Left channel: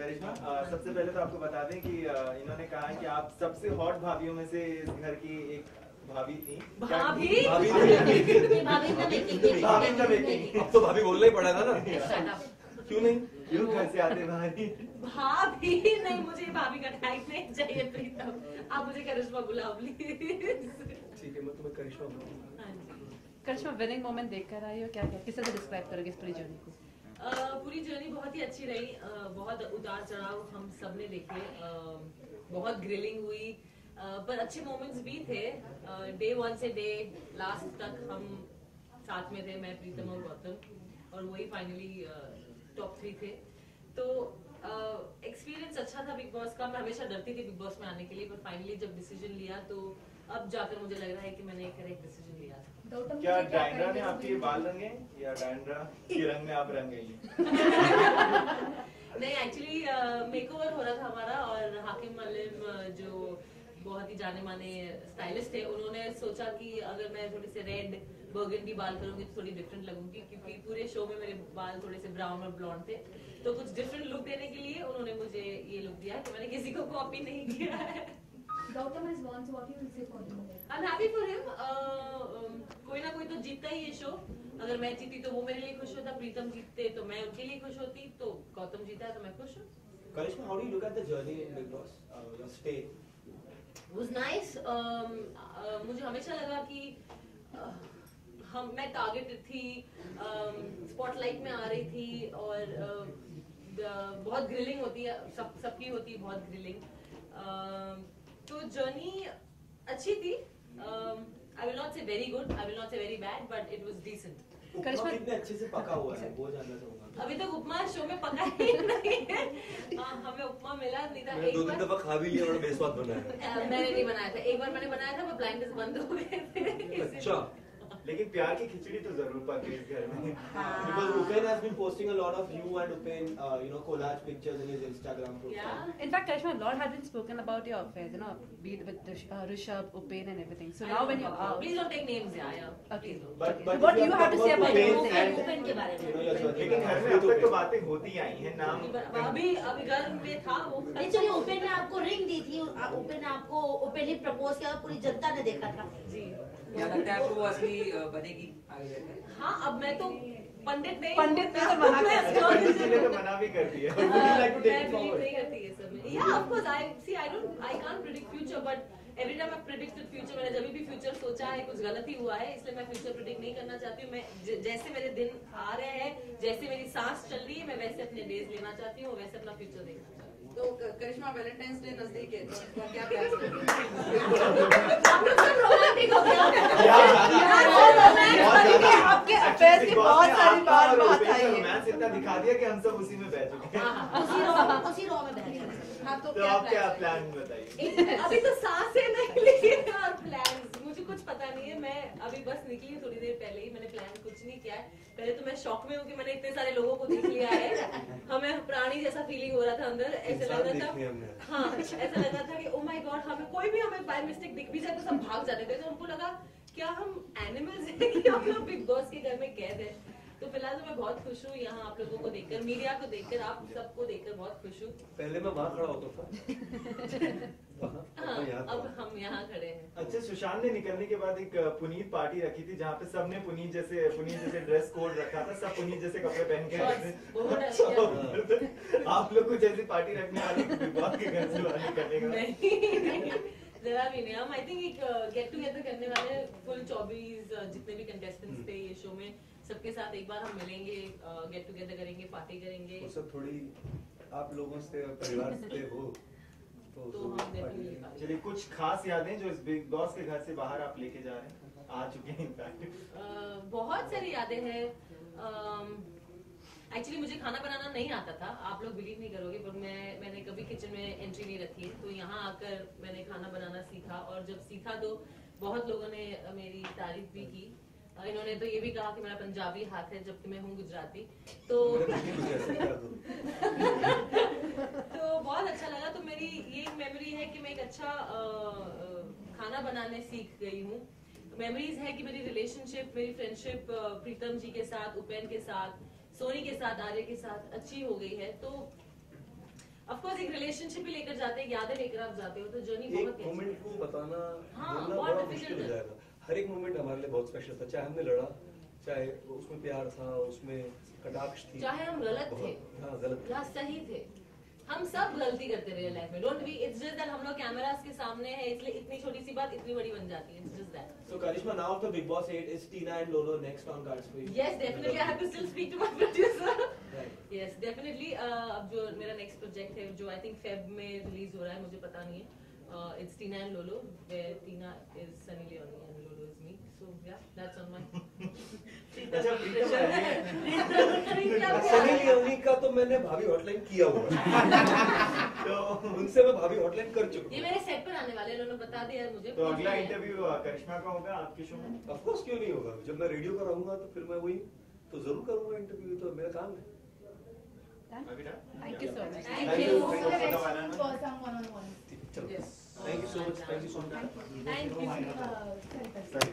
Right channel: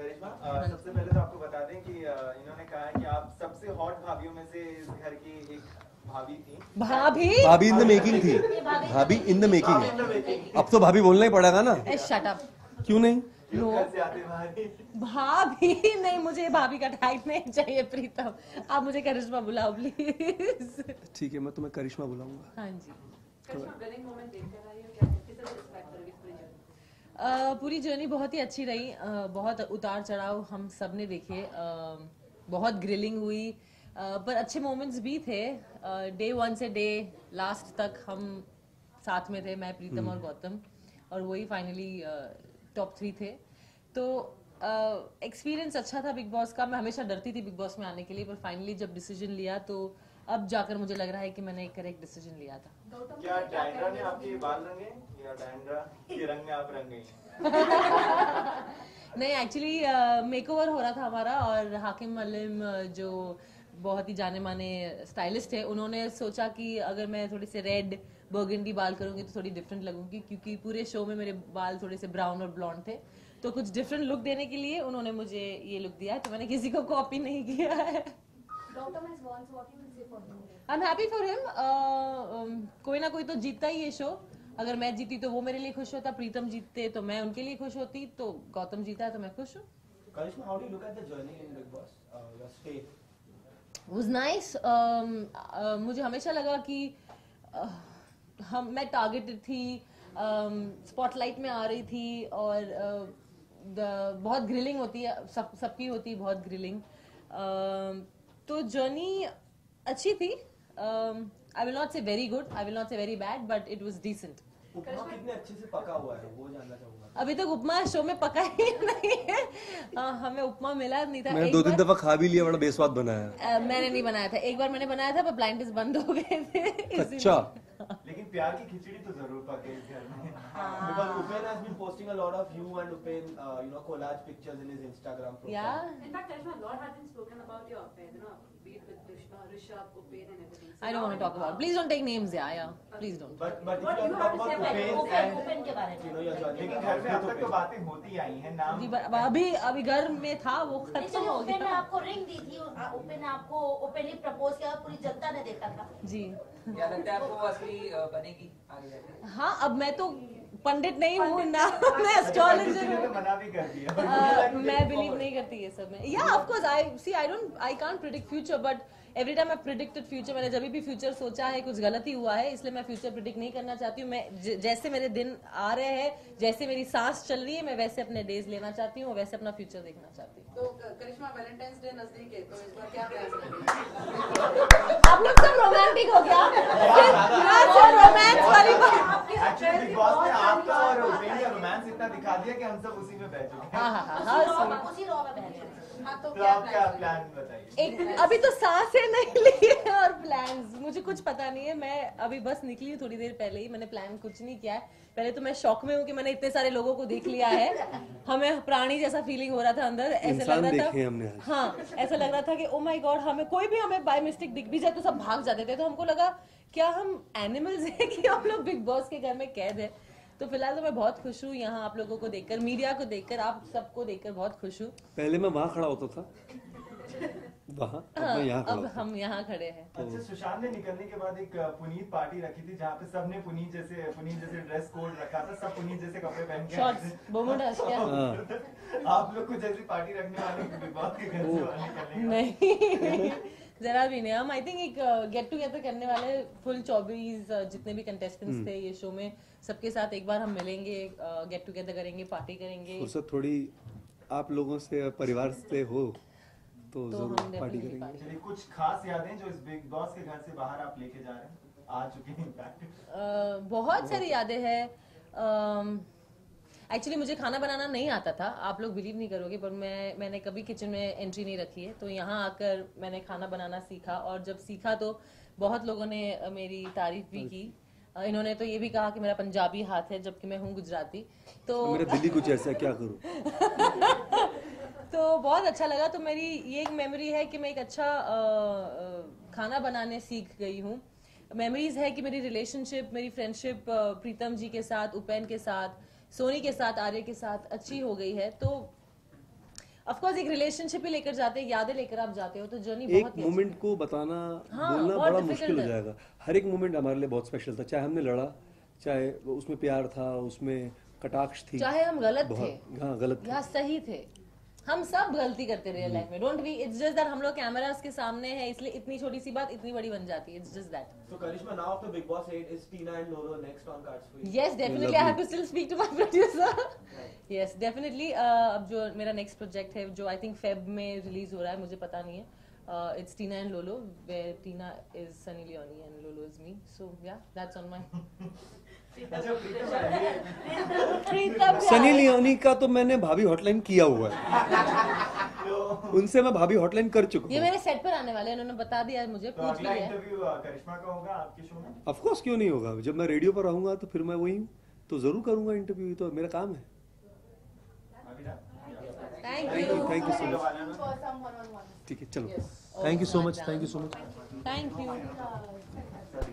करिश्मा, सबसे पहले तो आपको बता दें कि इन्होंने कहा है कि आप सबसे हॉट भाभियों में से इस घर की एक भाभी थी। भाभी इन द मेकिंग थी। भाभी इन द मेकिंग। अब तो भाभी बोलना ही पड़ेगा ना। Shut up. क्यों नहीं? क्यों घर से आते भाभी? भाभी नहीं, मुझे भाभी का टाइप नहीं चाहिए प्रीतम। आप मुझे करिश्मा बुलाओ प्लीज। ठीक है, मैं तुम्हें करिश्मा बुलाऊंगा। हाँ जी। करिश्मा, विनिंग मोमेंट देखकर आई हो, क्या किस तरह डिस्क्राइब करोगे इस पूरी जर्नी को? पूरी जर्नी बहुत ही अच्छी रही। बहुत उतार चढ़ाव हम सब ने देखे। बहुत ग्रिलिंग हुई, पर अच्छे मोमेंट्स भी थे। डे 1 से डे लास्ट तक हम साथ में थे, मैं, प्रीतम और गौतम, और वही फाइनली टॉप 3 थे। तो एक्सपीरियंस अच्छा था बिग बॉस का। मैं हमेशा डरती थी बिग बॉस में आने के लिए, पर फाइनली जब डिसीजन लिया तो अब जाकर मुझे लग रहा है कि मैंने एक करेक्ट डिसीजन लिया था। क्या डायंड्रा ने आपके बाल रंगे या डायंड्रा के रंग में आप रंग गई? नहीं, एक्चुअली मेकओवर हो रहा था हमारा, और हाकिम मल्लिम जो बहुत ही जाने माने स्टाइलिस्ट है, उन्होंने सोचा कि अगर मैं थोड़े से रेड बर्गंडी बाल करूंगी तो थोड़ी डिफरेंट लगूंगी, क्योंकि पूरे शो में मेरे बाल थोड़े से ब्राउन और ब्लॉन्ड थे। तो कुछ डिफरेंट लुक देने के लिए उन्होंने मुझे ये लुक दिया, तो मैंने किसी को कॉपी नहीं किया है। I'm happy for him. कोई ना कोई तो जीतता ही ये शो। अगर मैं जीती तो वो मेरे लिए खुश होता, प्रीतम जीतते तो मैं उनके लिए खुश होती, तो गौतम जीता है तो मैं खुश हूँ। Karishma, how do you look at the journey in Big Boss? Your stay. Was nice. मुझे हमेशा लगा कि मैं टारगेटेड थी, स्पॉटलाइट में आ रही थी, और बहुत ग्रिलिंग होती है, सबकी होती है बहुत ग्रिलिंग। तो जर्नी अच्छी थी। I will not say very good, I will not say very bad, but it was decent. उपमा कितने अच्छे से पका हुआ है वो जानना चाहूंगा। अभी तक उपमा शो में पका ही नहीं है। हमें उपमा मिला नहीं था। मैंने 2-3 दफा खा भी लिया, बड़ा बेस्वाद बनाया है। मैंने नहीं बनाया था, एक बार मैंने बनाया था पर ब्लाइंड टेस्ट बंद हो गए थे। अच्छा। लेकिन प्यार की खिचड़ी तो जरूर पके इस घर में। Because Upen has been posting a lot of you and Upen, collage pictures in his Instagram profile. Yeah. In fact, Karishma, a lot has been spoken about your affairs, be it with Rishabh, Upen, and everything. So I now don't when talk about. Please don't take names, yeah. Please don't. But What do you have to say about Upen के बारे में? लेकिन घर में अब तक तो बातें होती आई हैं, नाम अभी घर में था वो। चलिए, उपेन ने आपको रिंग दी थी, उपेन ने आपको ओपनली प्रपोज किया, पूरी जनता ने देखा था जी। क्या लगता है आपको असली बनेगी आगे जाकर? हाँ, अब मैं तो पंडित नहीं हूँ ना, मैं एस्ट्रोलॉजर हूँ। मना भी करती है। मैं बिलीव नहीं करती ये सब में। Yeah, of course, I can't predict future, but every time I've predicted future, मैंने जब भी फ्यूचर सोचा है कुछ गलत ही हुआ है, इसलिए मैं फ्यूचर प्रिडिक्ट नहीं करना चाहती हूँ। मैं जैसे मेरे दिन आ रहे हैं, जैसे मेरी सांस चल रही है, मैं वैसे अपने डेज लेना चाहती हूँ, वैसे अपना फ्यूचर देखना चाहती हूँ। तो करिश्मा, वैलेंटाइंस डे नजदीक है, तो इस बार क्या प्लान है? आप लोग सब रोमांटिक हो गया। आपके अफेयर्स की बहुत सारी बात आई है। रोमांस इतना दिखा दिया कि हम सब उसी में बैठ चुके हैं। उसी रॉ में बैठ गए। हाँ, तो तो आप क्या प्लान बताइए? अभी तो सांसें नहीं ली है और प्लान्स मुझे कुछ पता नहीं है। मैं अभी बस निकली थोड़ी देर पहले ही, मैंने प्लान कुछ नहीं किया है। पहले तो मैं शॉक में हूँ कि मैंने इतने सारे लोगों को देख लिया है। हमें प्राणी जैसा फीलिंग हो रहा था अंदर, ऐसे लग रहा था। हाँ, ऐसा लग रहा था कि ओ माय गॉड, कोई भी हमें बाय मिस्टेक दिख भी जाए तो सब भाग जाते थे। तो हमको लगा क्या हम एनिमल्स हैं कि हम लोग बिग बॉस के घर में कैद है। तो फिलहाल तो मैं बहुत खुश हूँ यहाँ आप लोगों को देखकर, मीडिया को देखकर, आप सबको देखकर बहुत खुश हूँ। पहले मैं वहाँ खड़ा होता था, वहाँ, अब हम यहाँ खड़े हैं। अच्छा, सुशांत ने निकलने के बाद एक पुनीत पार्टी रखी थी जहाँ पे सबने पुनीत जैसे ड्रेस कोड रखा था, सब पुनीत जैसे कपड़े पहन के। आप लोग कुछ ऐसी पार्टी रखने वाले बिग बॉस के घर से बाहर निकलने का? नहीं, जरा भी नहीं। हम आई थिंक एक गेट टुगेदर करने वाले, फुल 24 जितने भी कंटेस्टेंट्स थे ये शो में, सबके साथ एक बार हम मिलेंगे, गेट टुगेदर करेंगे, पार्टी करेंगे। उससे थोड़ी आप लोगों से, परिवार से हो तो हम पार्टी करेंगे। चलिए, कुछ खास यादें जो इस बिग बॉस के घर से बाहर आप लेके जा रहे हैं, आ चुके हैं इनफैक्ट? बहुत सारी यादें हैं। एक्चुअली मुझे खाना बनाना नहीं आता था, आप लोग बिलीव नहीं करोगे, पर मैंने कभी किचन में एंट्री नहीं रखी है। तो यहाँ आकर मैंने खाना बनाना सीखा, और जब सीखा तो बहुत लोगों ने मेरी तारीफ भी की। इन्होंने तो ये भी कहा कि मेरा पंजाबी हाथ है, जबकि मैं हूँ गुजराती। तो मेरा दीदी कुछ ऐसा क्या करूँ? तो बहुत अच्छा लगा। तो मेरी ये एक मेमोरी है कि मैं एक अच्छा खाना बनाने सीख गई हूँ। मेमोरीज है कि मेरी रिलेशनशिप, मेरी फ्रेंडशिप प्रीतम जी के साथ, उपेन के साथ, सोनी के साथ, आर्य के साथ अच्छी हो गई है। तो बिकॉज एक रिलेशनशिप ही लेकर जाते हैं, यादें लेकर आप जाते हो, तो जर्नी एक बहुत मोमेंट को बताना हाँ, बोलना बहुत बड़ा difficult मुश्किल हो है। जाएगा। हर एक मोमेंट हमारे लिए बहुत स्पेशल था, चाहे हमने लड़ा, चाहे उसमें प्यार था, उसमें कटाक्ष थी, चाहे हम गलत थे हाँ गलत थे। या सही थे, हम सब गलती करते रहे लाइफ में। Don't be, it's just that हम लोग कैमरास के सामने हैं, इसलिए इतनी छोटी सी बात इतनी बड़ी बन जाती है। It's just that. So Karishma, now after Big Boss 8, is Tina and Lolo next on cards for you? Yes, definitely. I have to still speak to my producer. Yes, definitely. अब जो मेरा नेक्स्ट प्रोजेक्ट है, जो I think Feb में release हो रहा है, मुझे पता नहीं है, it's Tina and Lolo, where Tina is Sunny Leone and Lolo is me, so yeah that's on my. अच्छा सनी लियोनी का तो मैंने भाभी हॉटलाइन किया हुआ है, उनसे मैं भाभी हॉटलाइन कर चुका ये हूँ। मेरे सेट पर आने वाले हैं, उन्होंने बता दिया है मुझे, तो पूछ अगला लिया है। इंटरव्यू करिश्मा का होगा आपके शो में? ऑफ कोर्स, क्यों नहीं होगा? जब मैं रेडियो पर रहूंगा तो फिर मैं वही हूँ, तो जरूर करूंगा इंटरव्यू, तो मेरा काम है। अभी ना? Thank you so much. Thank you. Thank you so much. For some one-on-one. ठीक है, चलो, Yes. Thank you so much, thank you so much. Thank you.